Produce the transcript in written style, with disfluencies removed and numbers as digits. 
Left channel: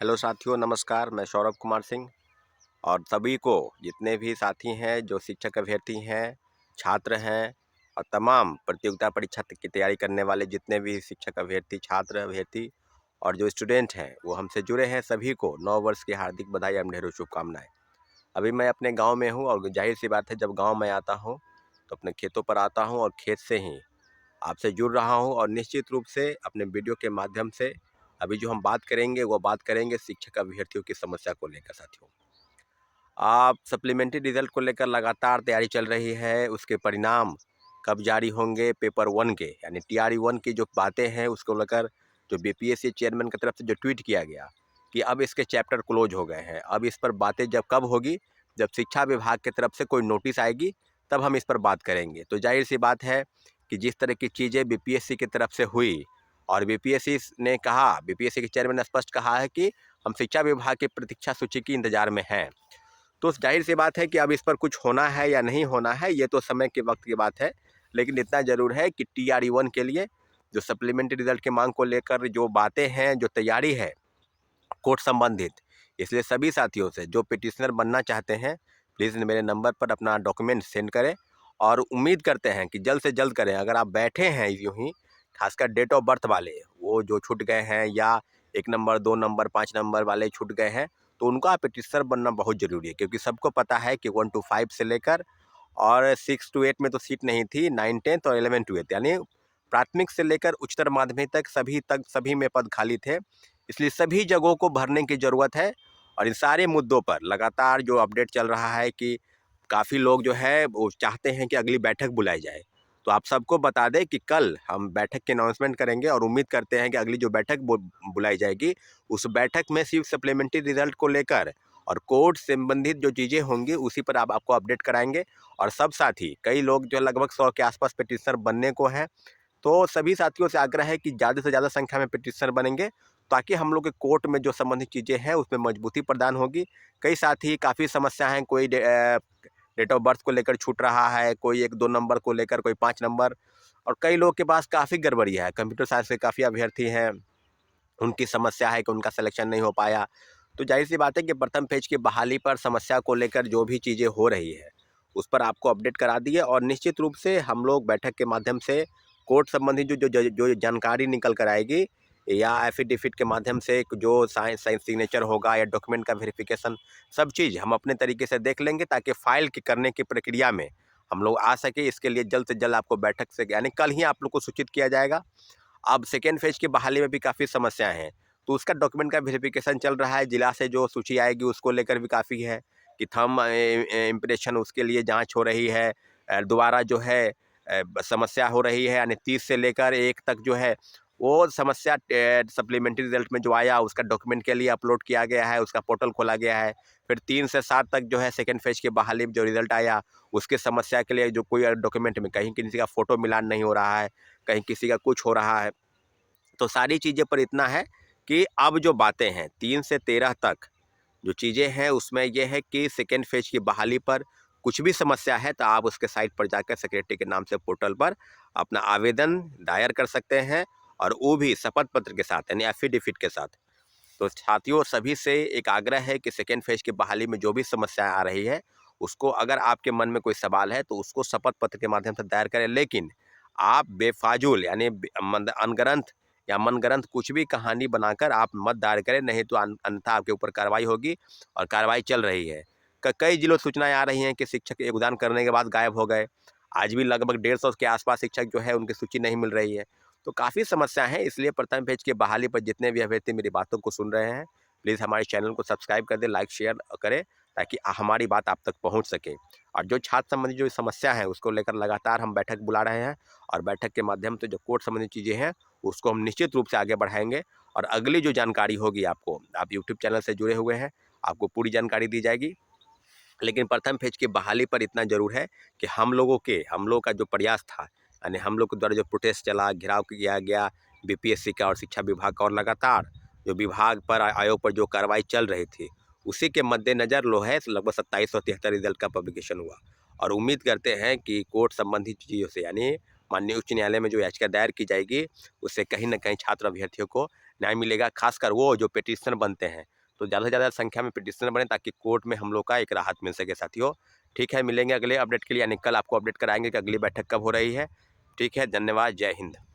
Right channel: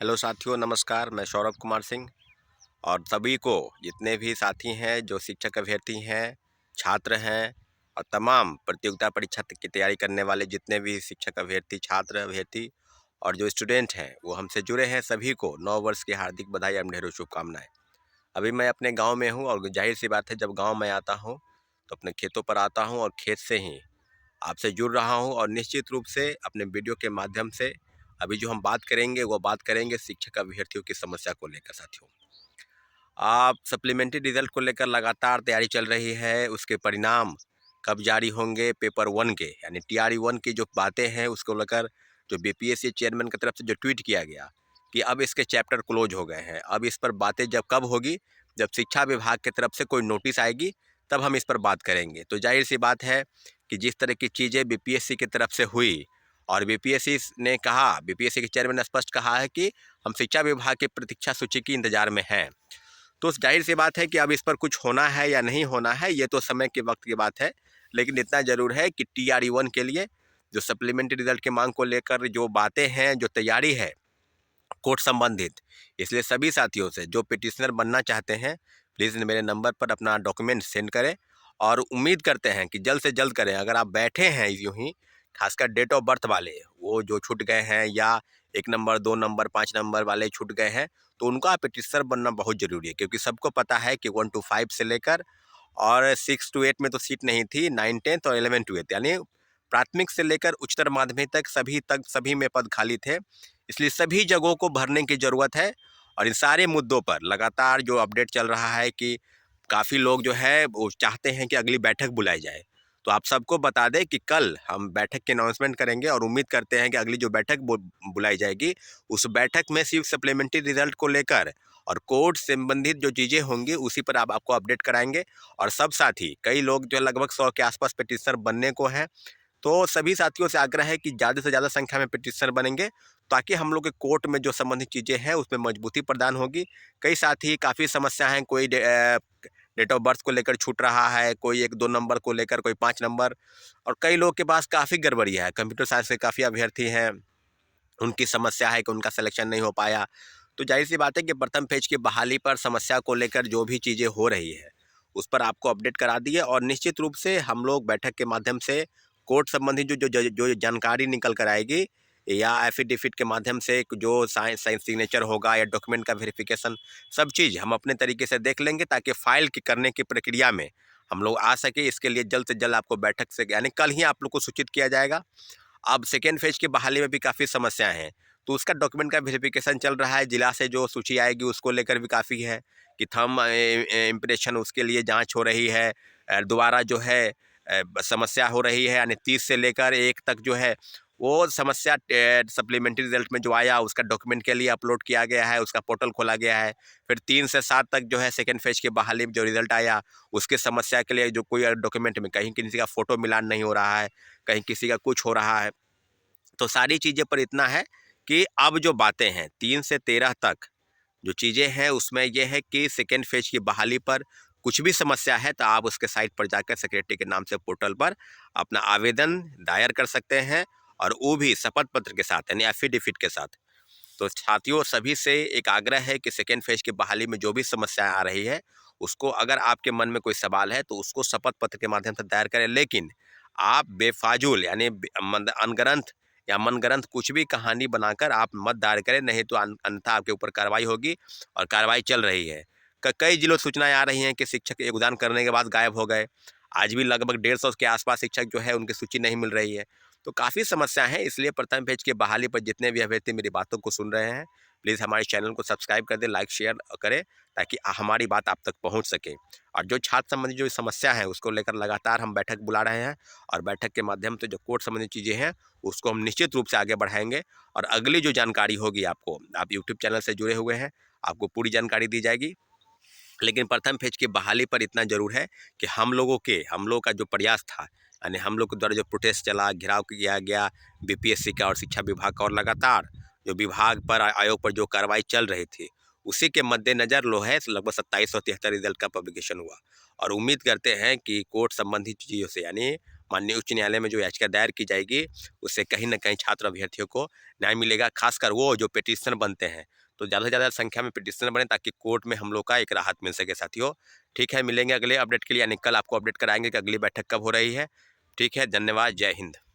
Hello साथियों, नमस्कार। मैं सौरभ कुमार सिंह और सभी को, जितने भी साथी हैं जो शिक्षक अभ्यर्थी हैं, छात्र हैं और तमाम प्रतियोगिता परीक्षा की तैयारी करने वाले जितने भी शिक्षक अभ्यर्थी, छात्र अभ्यर्थी और जो स्टूडेंट हैं वो हमसे जुड़े हैं, सभी को नव वर्ष की हार्दिक बधाई एवं ढेरों शुभकामनाएं। अभी मैं अपने गांव में हूं और जाहिर सी बात है, जब गांव में आता हूं तो अपने खेतों पर आता हूं और खेत से ही आपसे जुड़ रहा हूं और निश्चित रूप से अपने वीडियो के माध्यम से अभी जो हम बात करेंगे वो बात करेंगे शिक्षक अभ्यर्थियों की समस्या को लेकर। साथियों, आप सप्लीमेंट्री रिजल्ट को लेकर लगातार तैयारी चल रही है। उसके परिणाम कब जारी होंगे, पेपर 1 के यानी TRE 1 की जो बातें हैं उसको लेकर जो BPSC चेयरमैन की तरफ से जो ट्वीट किया गया कि अब इसके चैप्टर क्लोज हो गए हैं। अब इस पर बातें जब कब होगी, जब शिक्षा विभाग की तरफ से कोई नोटिस आएगी तब हम इस पर बात करेंगे। तो जाहिर सी बात है कि जिस तरह की चीज़ें BPSC की तरफ से हुई और BPSC ने कहा, BPSC के चेयरमैन ने स्पष्ट कहा है कि हम शिक्षा विभाग की प्रतीक्षा सूची के इंतजार में हैं। तो जाहिर सी बात है कि अब इस पर कुछ होना है या नहीं होना है, ये तो समय के वक्त की बात है। लेकिन इतना ज़रूर है कि TRE 1 के लिए जो सप्लीमेंट्री रिजल्ट की मांग को लेकर जो बातें हैं, जो तैयारी है कोर्ट संबंधित, इसलिए सभी साथियों से जो पिटिशनर बनना चाहते हैं, प्लीज़ मेरे नंबर पर अपना डॉक्यूमेंट सेंड करें और उम्मीद करते हैं कि जल्द से जल्द करें। अगर आप बैठे हैं यूँ ही, खासकर डेट ऑफ बर्थ वाले, वो जो छूट गए हैं या 1 नंबर, 2 नंबर, 5 नंबर वाले छूट गए हैं, तो उनका पिटिशनर बनना बहुत ज़रूरी है, क्योंकि सबको पता है कि 1 to 5 से लेकर और 6 to 8 में तो सीट नहीं थी, 9, 10 और 11 to 8 यानी प्राथमिक से लेकर उच्चतर माध्यमिक तक सभी में पद खाली थे। इसलिए सभी जगहों को भरने की ज़रूरत है और इन सारे मुद्दों पर लगातार जो अपडेट चल रहा है कि काफ़ी लोग जो है वो चाहते हैं कि अगली बैठक बुलाई जाए। तो आप सबको बता दें कि कल हम बैठक की अनाउंसमेंट करेंगे और उम्मीद करते हैं कि अगली जो बैठक बुलाई जाएगी, उस बैठक में सिर्फ सप्लीमेंट्री रिजल्ट को लेकर और कोर्ट संबंधित जो चीज़ें होंगी उसी पर आपको अपडेट कराएंगे। और सब साथी, कई लोग जो लगभग 100 के आसपास पिटिशनर बनने को हैं, तो सभी साथियों से आग्रह है कि ज़्यादा से ज़्यादा संख्या में पिटिशनर बनेंगे, ताकि हम लोग के कोर्ट में जो संबंधित चीज़ें हैं उसमें मजबूती प्रदान होगी। कई साथी काफ़ी समस्या हैं, कोई डेट ऑफ बर्थ को लेकर छूट रहा है, कोई 1-2 नंबर को लेकर, कोई 5 नंबर, और कई लोग के पास काफ़ी गड़बड़ी है। कंप्यूटर साइंस के काफ़ी अभ्यर्थी हैं, उनकी समस्या है कि उनका सिलेक्शन नहीं हो पाया। तो ज़ाहिर-सी बात है कि प्रथम फेज की बहाली पर समस्या को लेकर जो भी चीज़ें हो रही है, उस पर आपको अपडेट करा दिए और निश्चित रूप से हम लोग बैठक के माध्यम से कोर्ट संबंधी जो जानकारी निकल कर आएगी या एफिडेविट के माध्यम से जो साइन साइन सिग्नेचर होगा या डॉक्यूमेंट का वेरिफिकेशन, सब चीज़ हम अपने तरीके से देख लेंगे, ताकि फाइल की करने की प्रक्रिया में हम लोग आ सके। इसके लिए जल्द से जल्द आपको बैठक से यानी कल ही आप लोग को सूचित किया जाएगा। अब सेकेंड फेज की बहाली में भी काफ़ी समस्याएं हैं, तो उसका डॉक्यूमेंट का वेरिफिकेशन चल रहा है। जिला से जो सूची आएगी उसको लेकर भी काफ़ी है कि थंब इम्प्रेशन, उसके लिए जांच हो रही है। दोबारा जो है समस्या हो रही है, यानी 30 से लेकर 1 तक जो है वो समस्या सप्लीमेंट्री रिजल्ट में जो आया उसका डॉक्यूमेंट के लिए अपलोड किया गया है, उसका पोर्टल खोला गया है। फिर 3 से 7 तक जो है सेकेंड फेज की बहाली में जो रिजल्ट आया उसकी समस्या के लिए जो कोई डॉक्यूमेंट में कहीं किसी का फ़ोटो मिलान नहीं हो रहा है, कहीं किसी का कुछ हो रहा है। तो सारी चीज़ें पर इतना है कि अब जो बातें हैं 3 से 13 तक जो चीज़ें हैं उसमें ये है कि सेकेंड फेज की बहाली पर कुछ भी समस्या है तो आप उसके साइट पर जाकर सेक्रेटरी के नाम से पोर्टल पर अपना आवेदन दायर कर सकते हैं, और वो भी शपथ पत्र के साथ यानी एफिडेविट के साथ। तो साथियों, सभी से एक आग्रह है कि सेकेंड फेज की बहाली में जो भी समस्या आ रही है उसको, अगर आपके मन में कोई सवाल है तो उसको शपथ पत्र के माध्यम से दायर करें। लेकिन आप बेफाजुल यानी अनगढ़ंत या मनगढ़ंत कुछ भी कहानी बनाकर आप मत दायर करें, नहीं तो अन्यथा आपके ऊपर कार्रवाई होगी और कार्रवाई चल रही है। कई जिलों से सूचनाएं आ रही हैं कि शिक्षक योगदान करने के बाद गायब हो गए। आज भी लगभग 150 के आसपास शिक्षक जो है उनकी सूची नहीं मिल रही है। तो काफ़ी समस्या है, इसलिए प्रथम पेज की बहाली पर जितने भी अभ्यर्थी मेरी बातों को सुन रहे हैं, प्लीज़ हमारे चैनल को सब्सक्राइब कर दें, लाइक शेयर करें, ताकि हमारी बात आप तक पहुंच सके। और जो छात्र संबंधी जो समस्या है उसको लेकर लगातार हम बैठक बुला रहे हैं, और बैठक के माध्यम से जो कोर्ट संबंधी चीज़ें हैं उसको हम निश्चित रूप से आगे बढ़ाएंगे। और अगली जो जानकारी होगी आपको, आप यूट्यूब चैनल से जुड़े हुए हैं, आपको पूरी जानकारी दी जाएगी। लेकिन प्रथम फेज की बहाली पर इतना ज़रूर है कि हम लोगों का जो प्रयास था, यानी हम लोग के द्वारा जो प्रोटेस्ट चला, घेराव किया गया BPSC का और शिक्षा विभाग का, और लगातार जो विभाग पर आयोग पर जो कार्रवाई चल रही थी, उसी के मद्देनज़र लोहे लगभग 2773 रिजल्ट का पब्लिकेशन हुआ। और उम्मीद करते हैं कि कोर्ट संबंधित चीज़ों से यानी माननीय उच्च न्यायालय में जो याचिका दायर की जाएगी, उससे कहीं न कहीं छात्र अभ्यर्थियों को न्याय मिलेगा। खासकर वो जो पिटीशनर बनते हैं, तो ज़्यादा से ज़्यादा संख्या में पिटीशनर बने ताकि कोर्ट में हम लोग का एक राहत मिल सके साथियों। ठीक है, मिलेंगे अगले अपडेट के लिए, यानी कल आपको अपडेट कराएंगे कि अगली बैठक कब हो रही है। ठीक है, धन्यवाद, जय हिंद।